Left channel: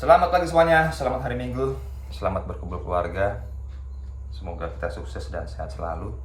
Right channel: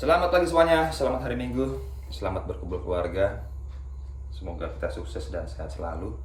Selamat pagi semuanya, selamat hari Minggu, selamat berkumpul keluarga. Semoga kita sukses dan sehat selalu.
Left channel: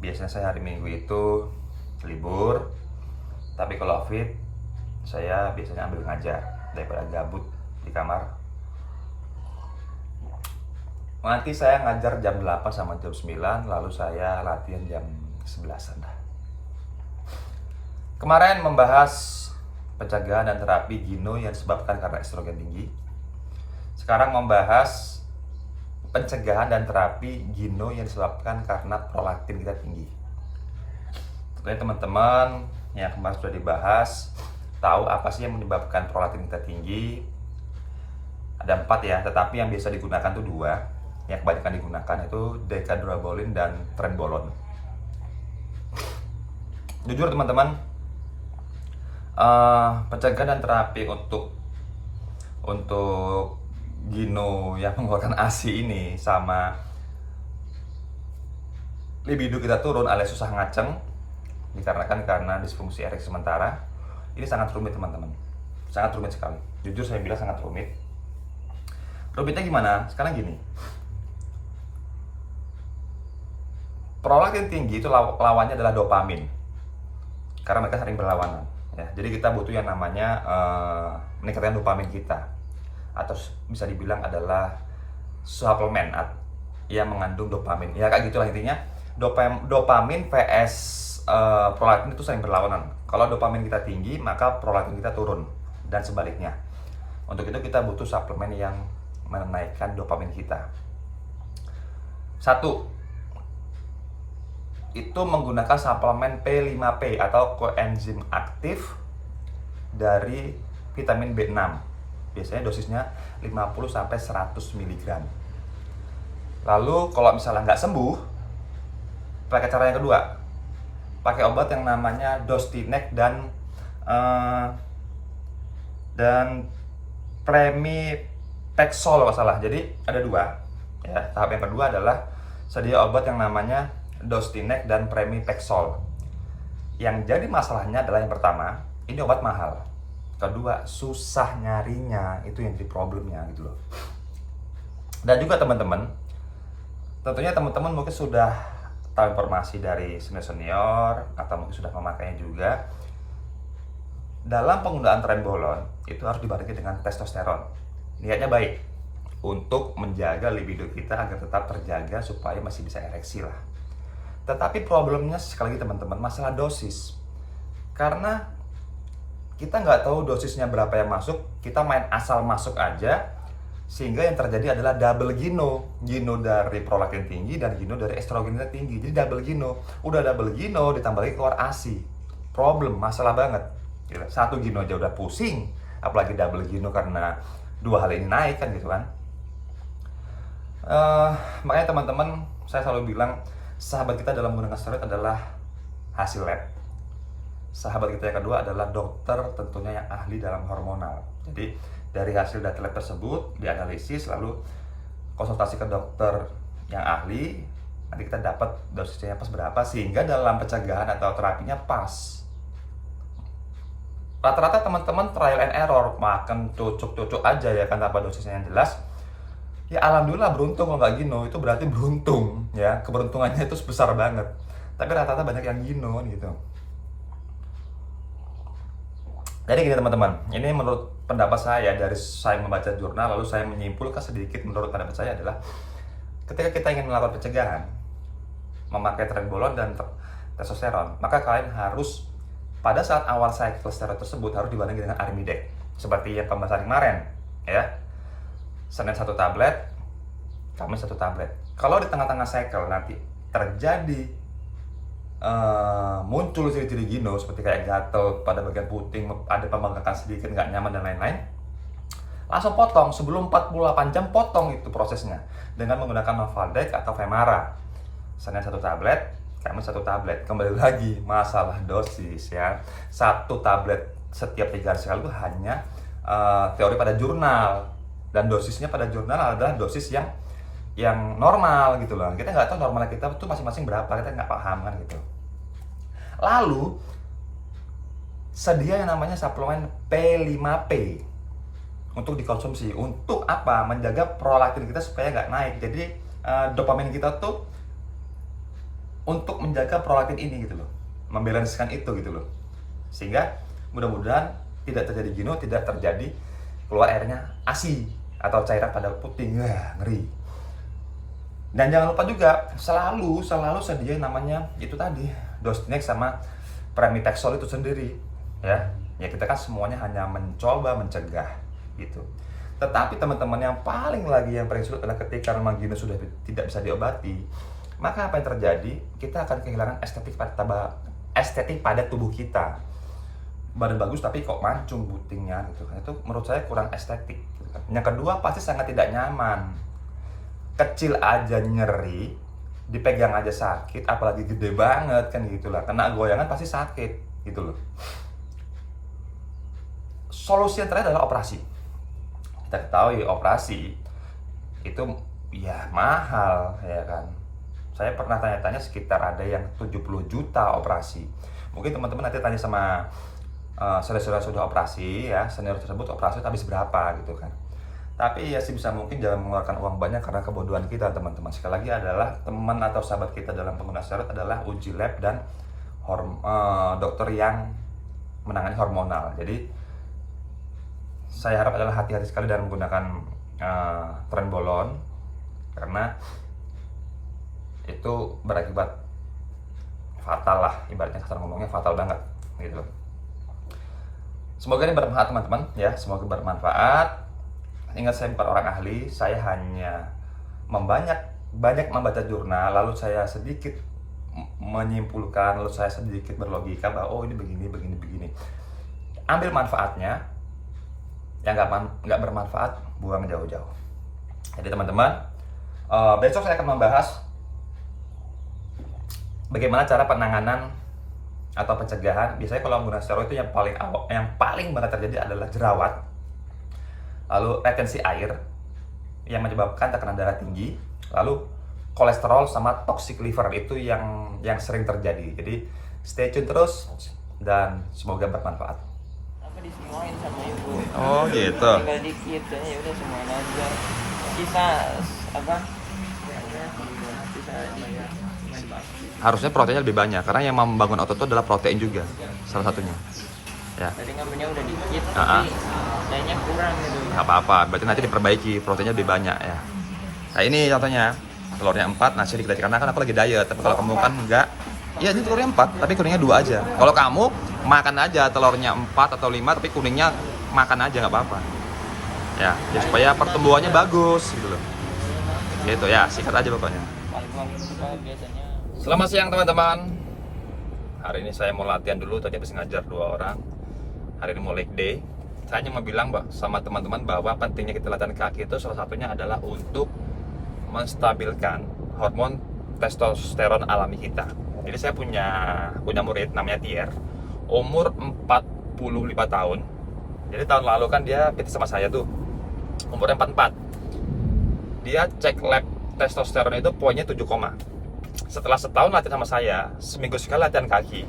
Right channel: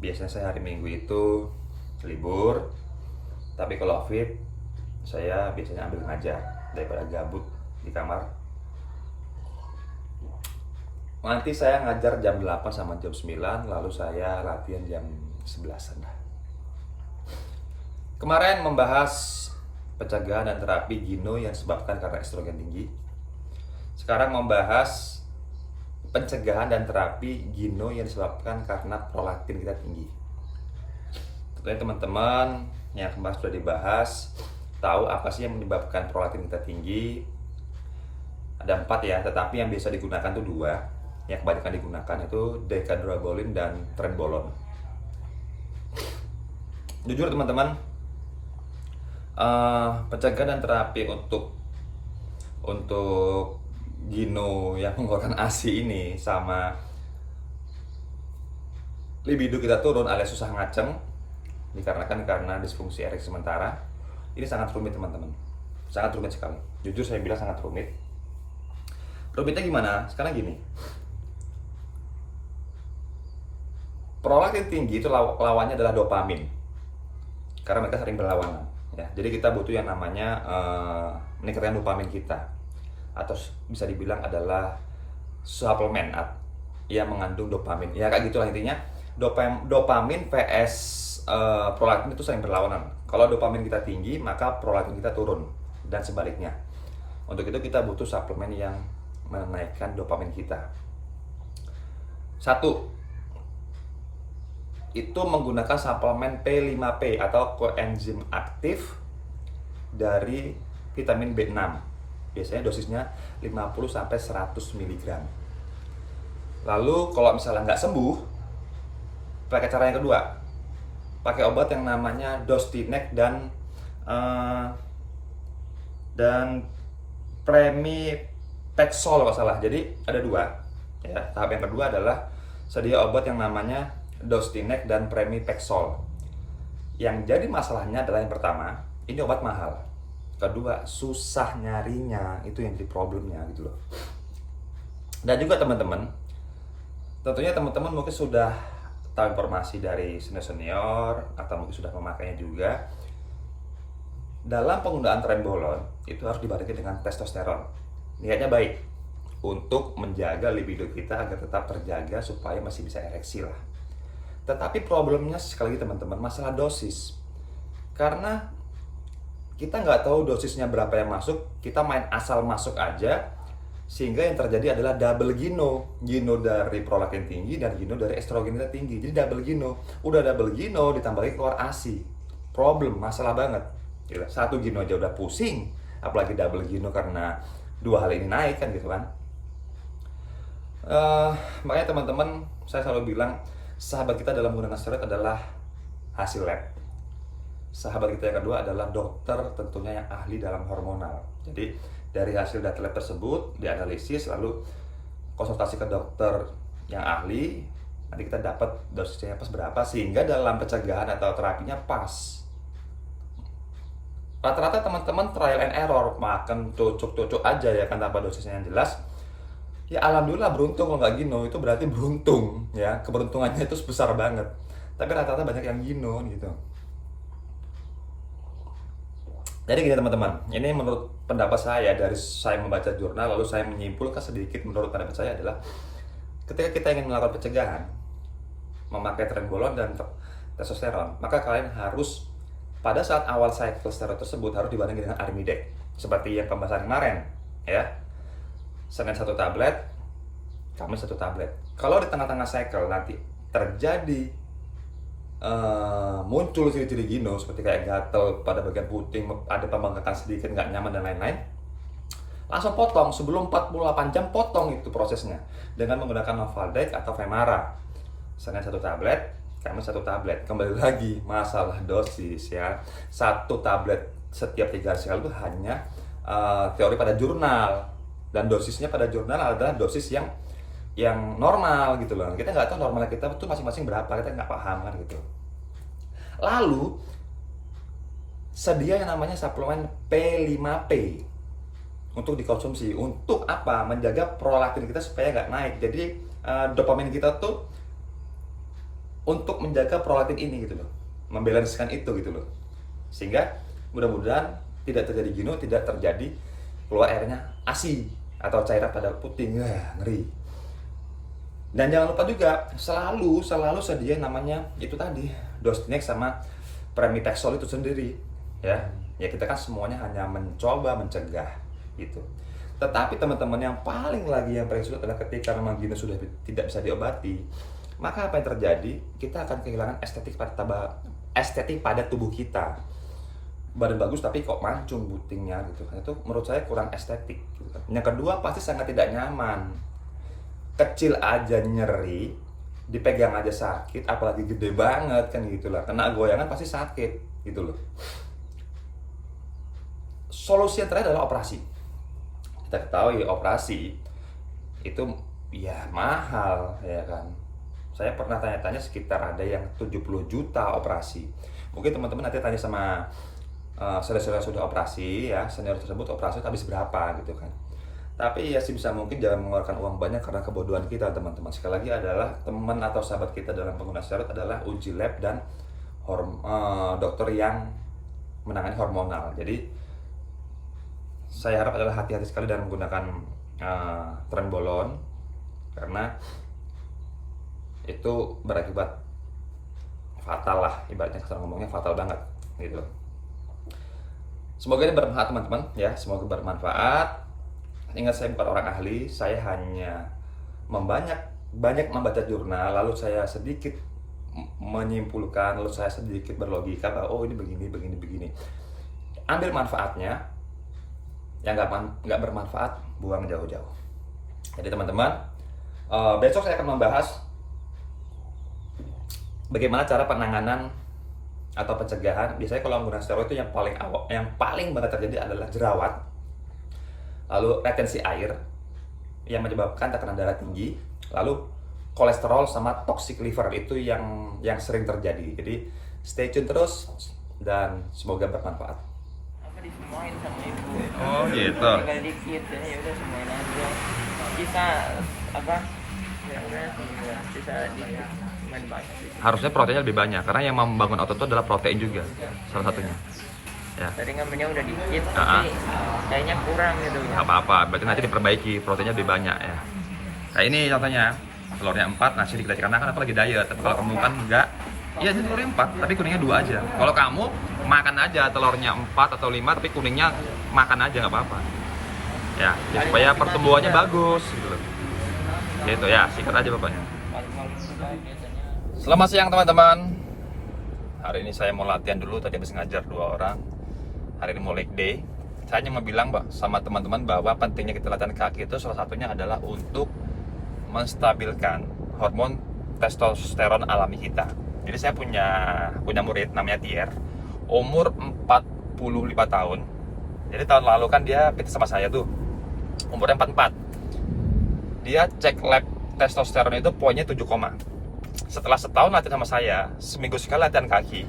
Biasanya saya hari Minggu itu libur, tapi kalau fit, saya biasanya ambil ngajar daripada gabut di kamar. Nanti saya ngajar jam 8 sama jam 9, lalu saya latihan jam 11-an. Kemarin membahas pencegahan dan terapi gino yang disebabkan karena estrogen tinggi. Sekarang membahas pencegahan dan terapi gino yang disebabkan karena prolaktin kita tinggi. Tentunya teman-teman yang kemarin sudah dibahas tahu apa sih yang menyebabkan prolaktin kita tinggi. Ada 4 ya, tetapi yang biasa digunakan tuh 2. Yang kebanyakan digunakan itu decadrabolin dan trenbolone. Jujur teman-teman, pencegahan dan terapi untuk gino yang mengeluarkan ASI ini sama libido kita turun alias susah ngaceng dikarenakan karena disfungsi ereksi sementara, ini sangat rumit teman-teman, sangat rumit sekali. Jujur saya bilang sangat rumit. Rumitnya gimana? Sekarang gini, prolaktin tinggi itu lawannya adalah dopamin karena mereka sering berlawanan. Ya, jadi kita butuh yang namanya meningkatkan dopamin kita, atau bisa dibilang adalah suplemen yang mengandung dopamin. Ya kayak gitulah intinya. Dopamin vs prolaktin itu sering berlawanan. Kalau dopamin kita tinggi, maka prolaktin kita turun dan sebaliknya. Untuk itu kita butuh suplemen yang menaikkan dopamin kita. 1. Itu menggunakan suplemen P5P atau koenzim aktif dari vitamin B6. Biasanya dosisnya 50-100 mg. Lalu kalau misalnya nggak sembuh, pakai cara yang kedua. Pakai obat yang namanya Dostinex dan Pramipexole kalau salah. Jadi ada 2. Ya, tahap yang kedua adalah sedia obat yang namanya Dostinex dan Pramipexole. Yang jadi masalahnya adalah yang pertama, ini obat mahal. Kedua, susah nyarinya, itu yang jadi problemnya gitu loh. Dan juga teman-teman, tentunya teman-teman mungkin sudah tahu informasi dari senior atau mungkin sudah memakainya juga. Dalam penggunaan trenbolone itu harus dibarengi dengan testosteron. Niatnya baik untuk menjaga libido kita agar tetap terjaga supaya masih bisa ereksi lah. Tetapi problemnya sekali lagi teman-teman, masalah dosis. Karena kita nggak tahu dosisnya berapa yang masuk, kita main asal masuk aja, sehingga yang terjadi adalah double gino. Gino dari prolaktin tinggi dan gino dari estrogen kita tinggi. Jadi double gino. Udah double gino ditambah lagi keluar ASI. Problem, masalah banget. Gila, 1 gino aja udah pusing, apalagi double gino karena 2 hal ini naik kan gitu kan. Makanya teman-teman, saya selalu bilang sahabat kita dalam menggunakan steroid adalah hasil lab. Sahabat kita yang kedua adalah dokter, tentunya yang ahli dalam hormonal. Jadi dari hasil data lab tersebut dianalisis, lalu konsultasi ke dokter yang ahli, nanti kita dapat dosisnya pas berapa sehingga dalam pencegahan atau terapinya pas. Rata-rata teman-teman trial and error, makan cocok-cocok aja ya kan tanpa dosisnya yang jelas. Ya alhamdulillah beruntung. Kalau nggak gino itu berarti beruntung ya, keberuntungannya itu besar banget. Tapi rata-rata banyak yang gino gitu. Jadi gini teman-teman, ini menurut pendapat saya dari saya membaca jurnal, lalu saya menyimpulkan sedikit menurut pendapat saya adalah ketika kita ingin melakukan pencegahan, memakai trenbolone dan testosteron, maka kalian harus pada saat awal cycle steroid tersebut harus dibarengi dengan Arimidex, seperti yang pembahasan kemarin ya. Senin 1 tablet, Kamis 1 tablet. Kalau di tengah-tengah cycle nanti terjadi muncul ciri-ciri gino seperti kayak gatel pada bagian puting, ada pembengkakan sedikit, nggak nyaman dan lain-lain, langsung potong. Sebelum 48 jam potong itu prosesnya dengan menggunakan Novaldex atau Femara. Senin 1 tablet, Kamis 1 tablet. Kembali lagi masalah dosis ya. 1 tablet setiap 3 hari sekali itu hanya teori pada jurnal, dan dosisnya pada jurnal adalah dosis yang normal gitu loh. Kita nggak tahu normalnya kita itu masing-masing berapa, kita nggak paham kan gitu. Lalu sedia yang namanya suplemen P5P untuk dikonsumsi. Untuk apa? Menjaga prolaktin kita supaya nggak naik. Jadi dopamin kita tuh untuk menjaga prolaktin ini gitu loh, membalancekan itu gitu loh, sehingga mudah-mudahan tidak terjadi jenuh, tidak terjadi keluar airnya ASI atau cairan pada puting. Ya, ngeri. Dan jangan lupa juga selalu sedia namanya itu tadi Dostinex sama Pramipexole itu sendiri ya. Ya kita kan semuanya hanya mencoba mencegah gitu. Tetapi teman-teman yang paling sulit adalah ketika memang jenuh sudah tidak bisa diobati, maka apa yang terjadi? Kita akan kehilangan estetik pada tubuh kita. Badan bagus tapi kok mancung putingnya gitu kan. Itu menurut saya kurang estetik gitu kan. Yang kedua pasti sangat tidak nyaman. Kecil aja nyeri, dipegang aja sakit, apalagi gede banget kan gitulah. Kena goyangan pasti sakit gitu loh. Solusi yang terakhir adalah operasi. Kita ketahui operasi itu ya mahal ya kan. Saya pernah tanya-tanya sekitar ada yang 70 juta operasi. Mungkin teman-teman nanti tanya sama saudara-saudara sudah operasi ya, senior tersebut operasi habis berapa gitu kan. Tapi ya sih bisa mungkin jangan mengeluarkan uang banyak karena kebodohan kita teman-teman. Sekali lagi adalah teman atau sahabat kita dalam pengguna steroid adalah uji lab dan dokter yang menangani hormonal. Jadi saya harap adalah hati-hati sekali dalam menggunakan trenbolon karena itu berakibat fatal lah, ibaratnya kasar ngomongnya fatal banget gitu loh. Semoga ini bermanfaat teman-teman ya, semoga bermanfaat. Ingat saya bukan orang ahli, saya hanya banyak membaca jurnal, lalu saya sedikit menyimpulkan, lalu saya sedikit berlogika bahwa oh ini begini. Ambil manfaatnya, yang nggak bermanfaat buang jauh-jauh. Jadi teman-teman, besok saya akan membahas bagaimana cara penanganan atau pencegahan. Biasanya kalau menggunakan steroid itu yang paling banget terjadi adalah jerawat, lalu retensi air yang menyebabkan tekanan darah tinggi, lalu kolesterol sama toxic liver itu yang sering terjadi. Jadi stay tune terus dan semoga bermanfaat. Apa disemuain sama ibu? Oh gitu. Tinggal dikit, jadi ya udah semuain aja. Bisa apa? Ya udah, bisa dikit. Harusnya proteinnya lebih banyak karena yang membangun otot itu adalah protein juga salah satunya. Ya. Tadi ngambilnya udah dikit, tapi kayaknya kurang gitu. Nggak apa-apa, berarti nanti diperbaiki, proteinnya lebih banyak ya. Nah ini contohnya, telurnya 4, nasi dikit karena kan aku lagi diet. Tapi kalau kamu kan enggak, iya ini telurnya 4, tapi kuningnya 2 aja. Kalau kamu makan aja telurnya 4 atau 5, tapi kuningnya makan aja nggak apa-apa. Ya, supaya pertumbuhannya bagus gitu loh. Gitu ya, sikat aja pokoknya. Biasanya. Selamat siang teman-teman. Hari ini saya mau latihan dulu, tadi habis ngajar 2 orang. Hari ini mau leg day. Saya hanya mau bilang sama teman-teman bahwa pentingnya kita latihan kaki itu salah satunya adalah untuk menstabilkan hormon testosteron alami kita. Jadi saya punya murid namanya Tier, umur 45 tahun. Jadi tahun lalu kan dia PT sama saya tuh, umurnya 44. Dia cek lab testosteron itu poinnya 7, setelah setahun latihan sama saya, seminggu sekali latihan kaki.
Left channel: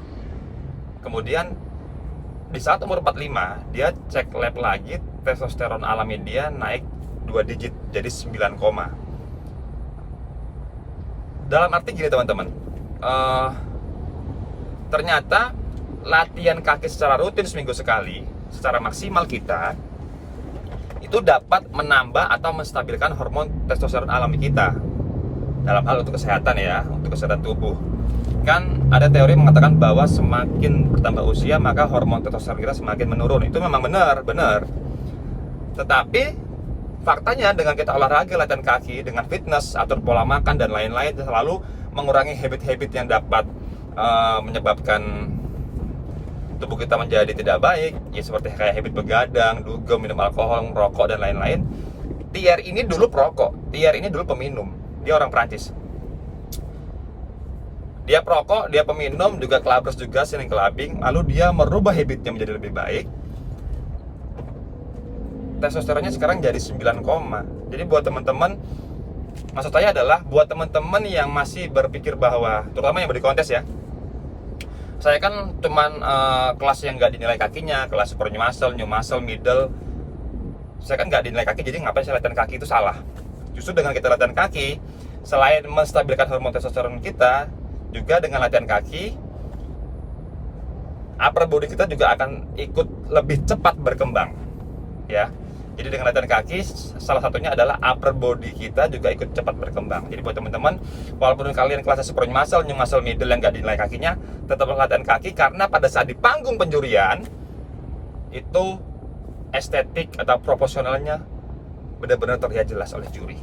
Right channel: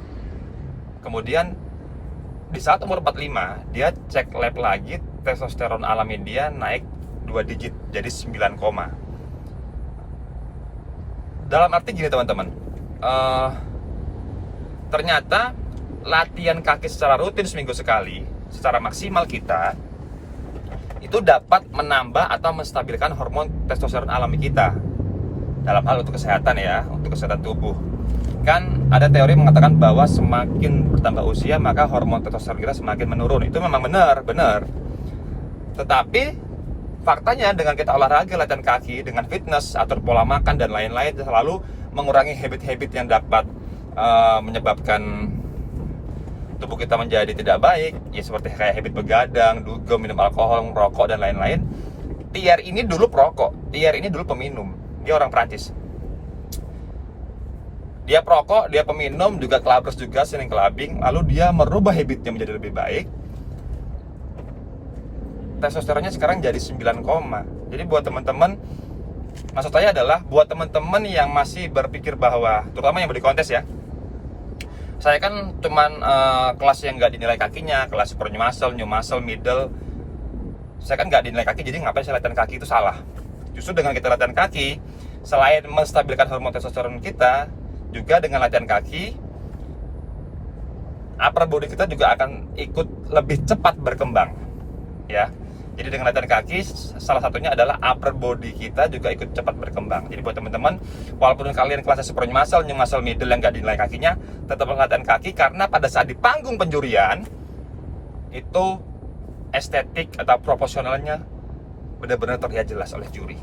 Kemudian di saat umur 45, dia cek lab lagi, testosteron alami dia naik 2 digit, jadi 9, dalam arti gini teman-teman, ternyata latihan kaki secara rutin seminggu sekali, secara maksimal kita, itu dapat menambah atau menstabilkan hormon testosteron alami kita. Dalam hal untuk kesehatan ya, untuk kesehatan tubuh. Kan ada teori mengatakan bahwa semakin bertambah usia maka hormon testosteron kita semakin menurun. Itu memang benar. Tetapi faktanya dengan kita olahraga, latihan kaki, dengan fitness, atur pola makan dan lain-lain, selalu mengurangi habit-habit yang dapat menyebabkan tubuh kita menjadi tidak baik, ya seperti kayak habit begadang, dugem, minum alkohol, merokok dan lain-lain. Tier ini dulu perokok, Tier ini dulu peminum. Dia orang Prancis. Dia perokok, dia peminum, juga kelabres juga, sering clubbing. Lalu dia merubah habitnya menjadi lebih baik. Testosteronnya sekarang jadi 9, Jadi buat teman-teman, maksud saya adalah buat teman-teman yang masih berpikir bahwa, terutama yang body contest ya, saya kan cuman kelas yang nggak dinilai kakinya, kelas super new muscle, middle, Saya kan nggak dinilai kaki, jadi ngapain saya latihan kaki itu salah. Justru dengan kita latihan kaki, selain menstabilkan hormon testosteron kita, juga dengan latihan kaki, upper body kita juga akan ikut lebih cepat berkembang, ya. Jadi dengan latihan kaki, salah satunya adalah upper body kita juga ikut cepat berkembang. Jadi buat teman-teman, walaupun kalian kelasnya sprint muscle, new muscle middle yang nggak dinilai kakinya, tetap latihan kaki, karena pada saat di panggung penjurian, itu estetik atau proporsionalnya benar-benar terlihat jelas oleh juri.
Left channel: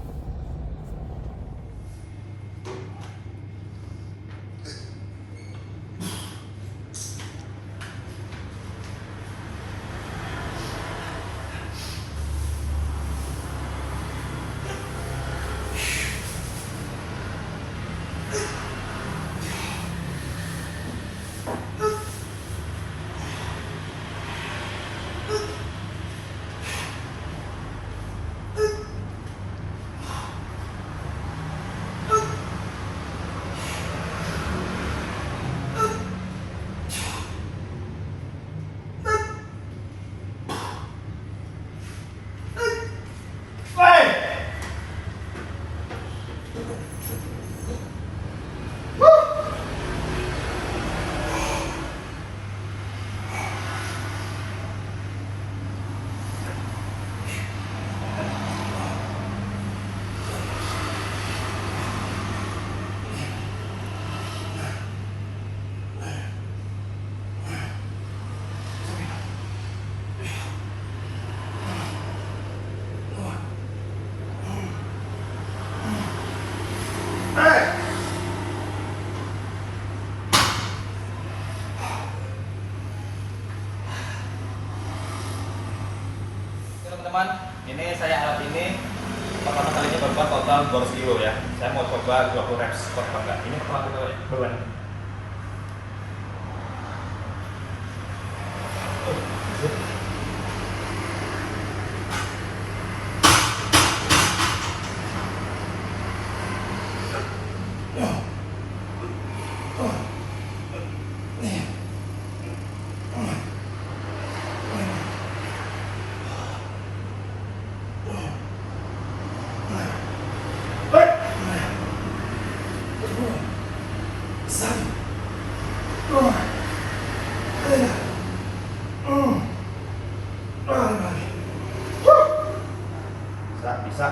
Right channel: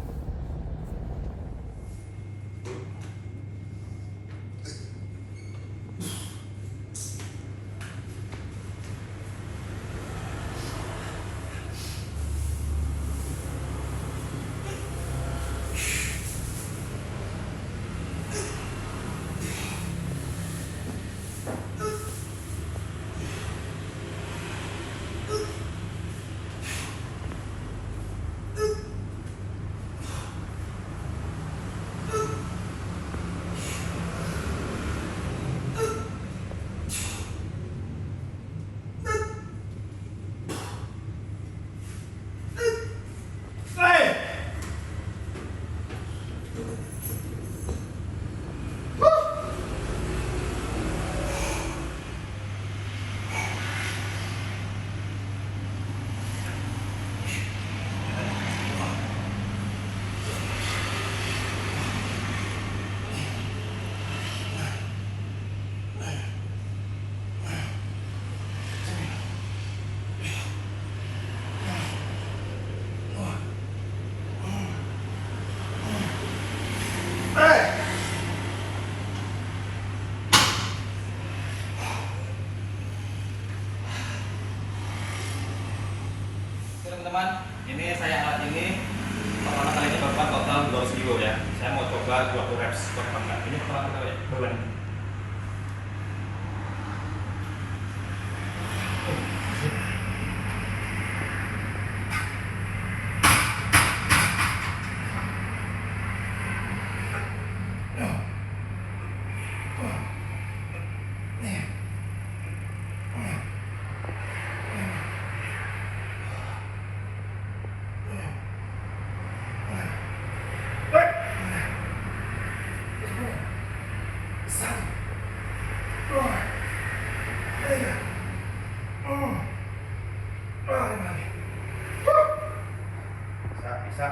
Teman-teman, ini saya alat ini pertama kali ini beban total 200 kilo ya. Saya mau coba 20 reps per bangga. Ini pertama kali beban. Bisa.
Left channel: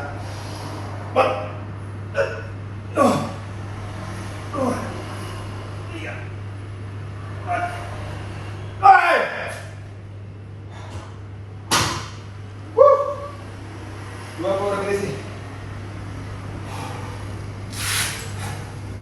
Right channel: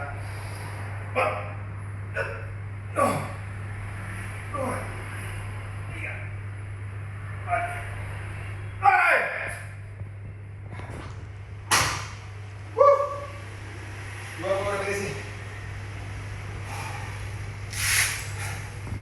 Dua puluh repetisi.